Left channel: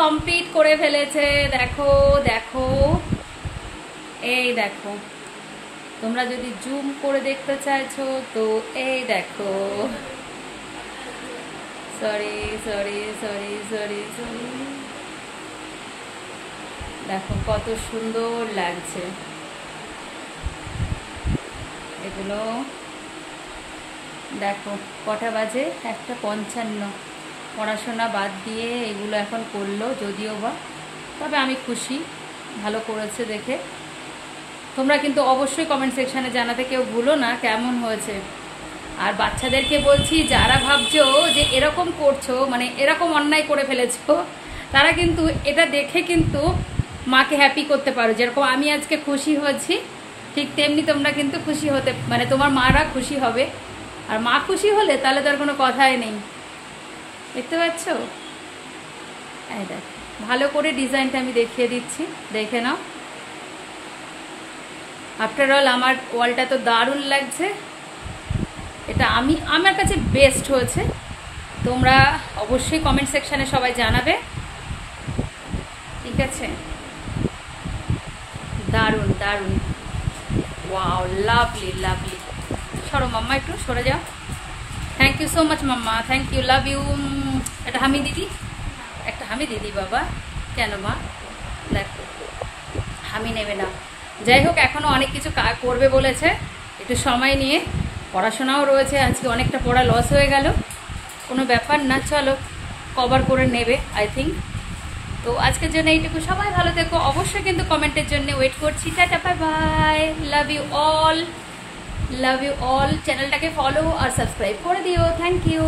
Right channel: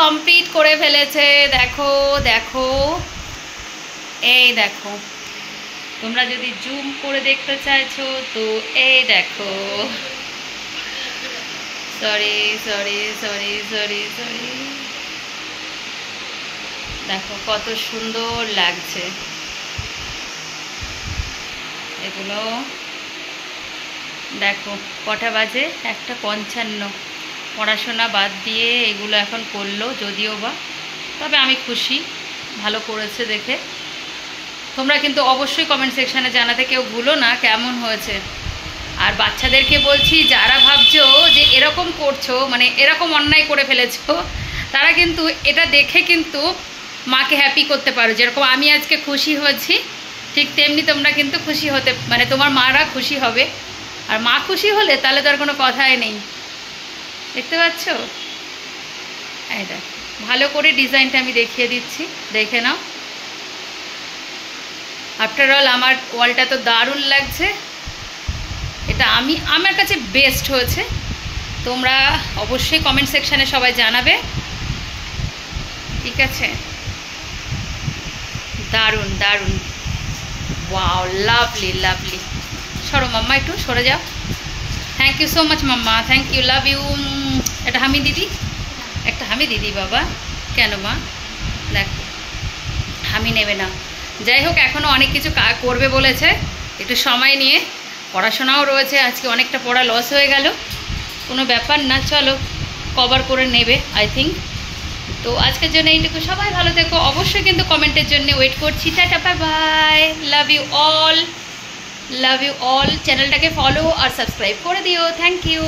Complete করে ফেলেছে। দেখো দেখো, এই দেখো, তোমরা যদি জুম করে দেখতে চাইছো তো এই দেখো। Sorry sorry sorry sorry sorry, দেখো কত সুন্দর লাগছে এগুলো। দেখো কটা বাজে, 1:55। পড়াশোনা বাদ দিয়ে এগুলো এখন করলো, যদিও বা, তবে আমি খুশি, ভালো করেছে দেখে। তোমরা কিন্তু অবশ্যই কমেন্ট সেকশানে জানাতে কেউ ভুলো না কেমন হয়েছে। আর বাচ্চাদেরকে বলছি, যারা ভাবছো যে এরকম করছো, মানে এরকম অন্যায় করে ফেলেছো, তারা কিন্তু এটা দেখে কিন্তু মাকে হ্যাপি করতে পারো। যেরকম আমি আজকে খুশি হয়েছি, ঠিক তেমনি তোমরা কিন্তু খুশি হতে, মানে তোমার মারা খুশি হবে। আর মা খুশি হলে তাহলে তো আর কোনো কথাই নেই। দেখতে পাচ্ছ? এই দেখ, ভালো করে ডিজাইনটা আমি দেখিয়ে দিচ্ছি, দেখে নাও। আফটার অল আমার ওয়ালটা তো দারুণ লাগছে। এটা আমার কাছে বেস্ট হয়েছে। তোমরা অবশ্যই কমেন্ট সেকশানে সবাই জানাবে, ঠিক আছে? দারুণ দারুণ, ওয়াও, লাভলি লাভলি। সরো মাম্মা, একটু সরে যাও। Thank you so much mamma, thank you, love you. একটা হামি দিদি, একটা হামি দিদি বাবা। কেন মা? দেখো, হামি নেবে না। যাই হোক, এখনও অনেক কিছু করবে বলেছে, একটু সময় নিয়ে। পড়াশোনাও রয়েছে, আজকে অনেকটা পড়া লস হয়ে গেল, কোনো ব্যাপার না, চলো কভার করে নেবে আই থিঙ্ক। তো আজকের জন্য এইটুকু, সবাই ভালো থেকো। অবশ্যই কিন্তু কমেন্টের জন্য ওয়েট করছি। Tata, bye bye, love you all, love you all. চ্যানেলটাকে ফলো আর সাবস্ক্রাইব করে দিও। Thank you.